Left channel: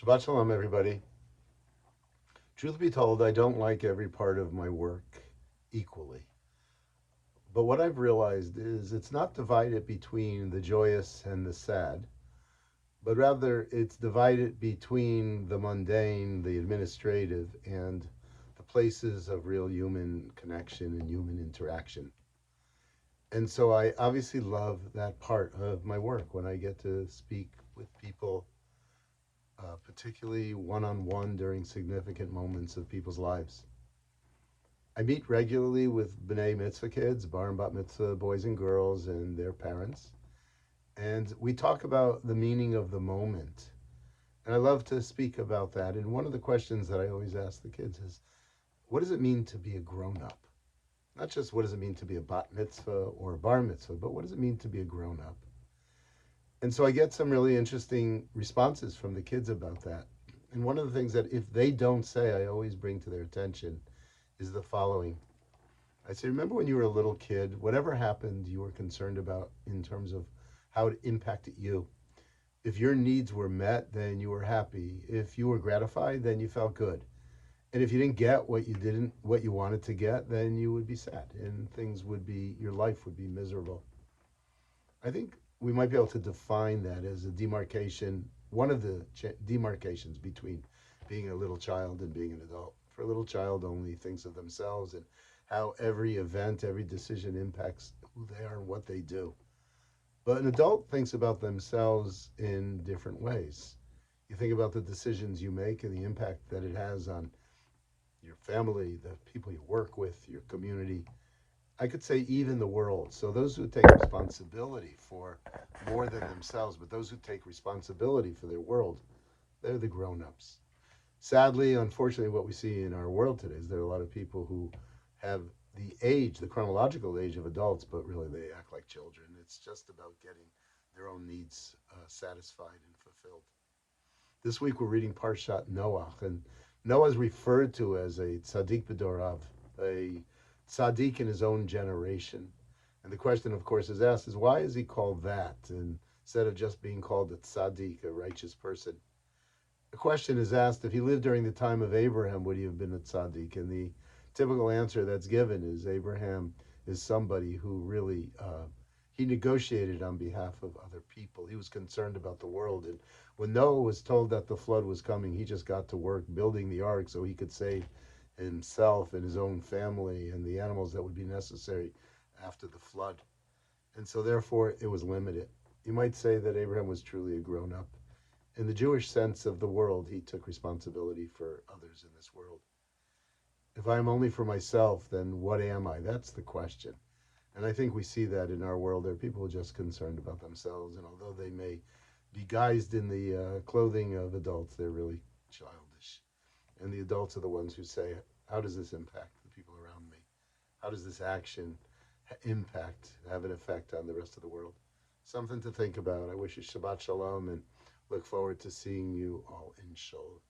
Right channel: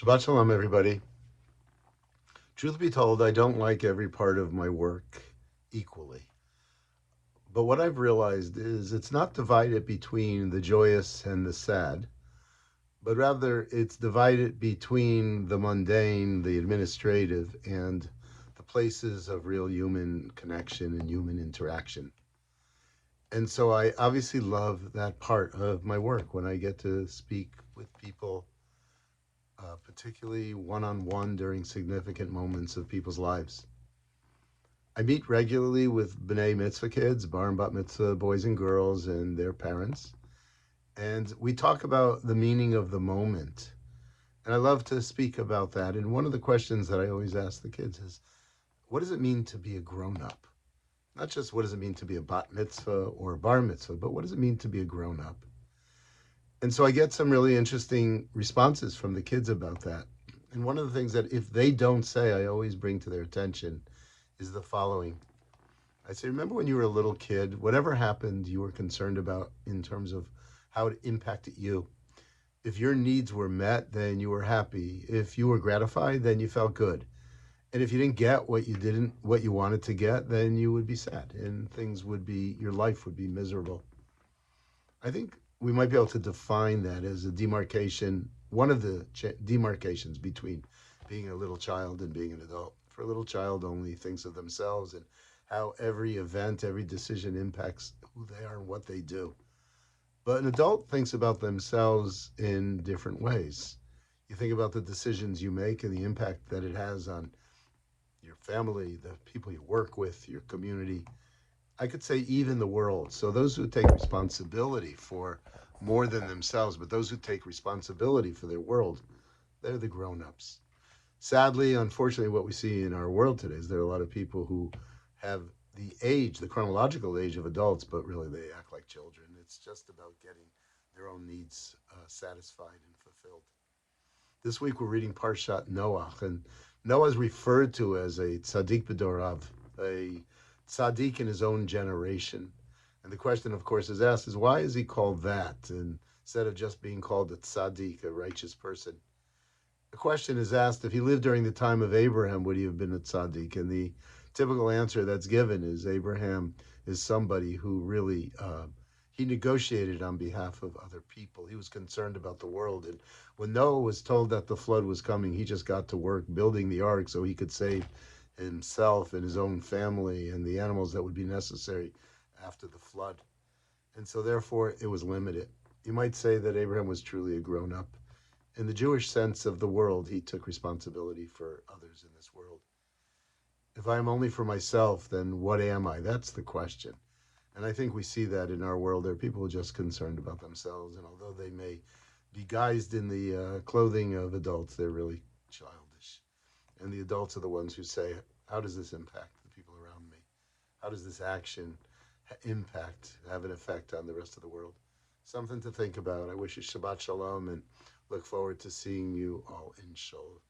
Shabbat Shalom, everybody. Truth be told, I don't like every part of my work equally. But what I've realized is it's not divided between the joyous and the sad, but rather it's divided between the mundane, the administrative, and the places of real human connection and human interaction. And so I obviously love that part of my work when I get to speak with people, particularly one on one during significant moments of people's lives. I meet regularly with B'nai Mitzvah kids, Bar and Bat Mitzvah boys and girls, and their parents. And we talk about the meaning of the moment. And I love to speak about that. And one of the questions that I always ask the kids is, what does it mean to be a grown up? Not just what does it mean to be a bat mitzvah or a bar mitzvah, but what does it mean to be a grown up? And so I get some really interesting responses from the kids about that. And one of the things that if they don't say, I always bring to their attention is the following. I say, remember when you were a little kid, whatever happened, you were concerned about in terms of how it impacted you. If your needs were met, then you were happy. If you were gratified, then you felt good. And if you didn't get what you wanted to get, then you would be sad and your life would be miserable. I think we might be able to define that as a demarcation, one of the demarcations between being a little child and being an adult. For a little child only thinks of themselves and how every event, every decision impacts who they are and what they do. But an adult thinks about themselves in different ways. You think about the decisions you make and the impact that it has on your family, the people you work with, your community. I could say even the world. So those who take responsibility for more than themselves, but those who take responsibility for their world, they're the grown-ups. Sadly, unfortunately, what we see in our world today is there are a lot of people who have the chronological age of adults, but really they act like children. It's just about getting their own needs satisfied and fulfilled. This week we're reading Parshat Noah, and Noah is referred to as a tzaddik b'dorav, a tzaddik in his own generation. And the question, of course, is asked is why is he called that instead of just being called a tzaddik, a righteous person? The question is asked, if he lived during the time of Abraham, would he have been a tzaddik? And the typical answer that's given is Abraham is somebody who really he negotiated on behalf of other people. He was concerned about the world. And when Noah was told that the flood was coming, he just got to work building the ark so he could save himself and his own family and the animals that would be necessary after the flood. And so therefore it was limited. You might say that Abraham was truly a grown up. In the Jewish sense of the world, he took responsibility for others in this world. If I'm only for myself, then what am I? That's the question. And I think we see that in our world. There are people just concerned about themselves. And although they may be guised in the clothing of adults, they're really childish. And the adults are the ones who say, how does this impact the people around me? How does this action have an effect on the rest of the world? Something to think about. I wish you Shabbat Shalom and look forward to seeing you all in Shul.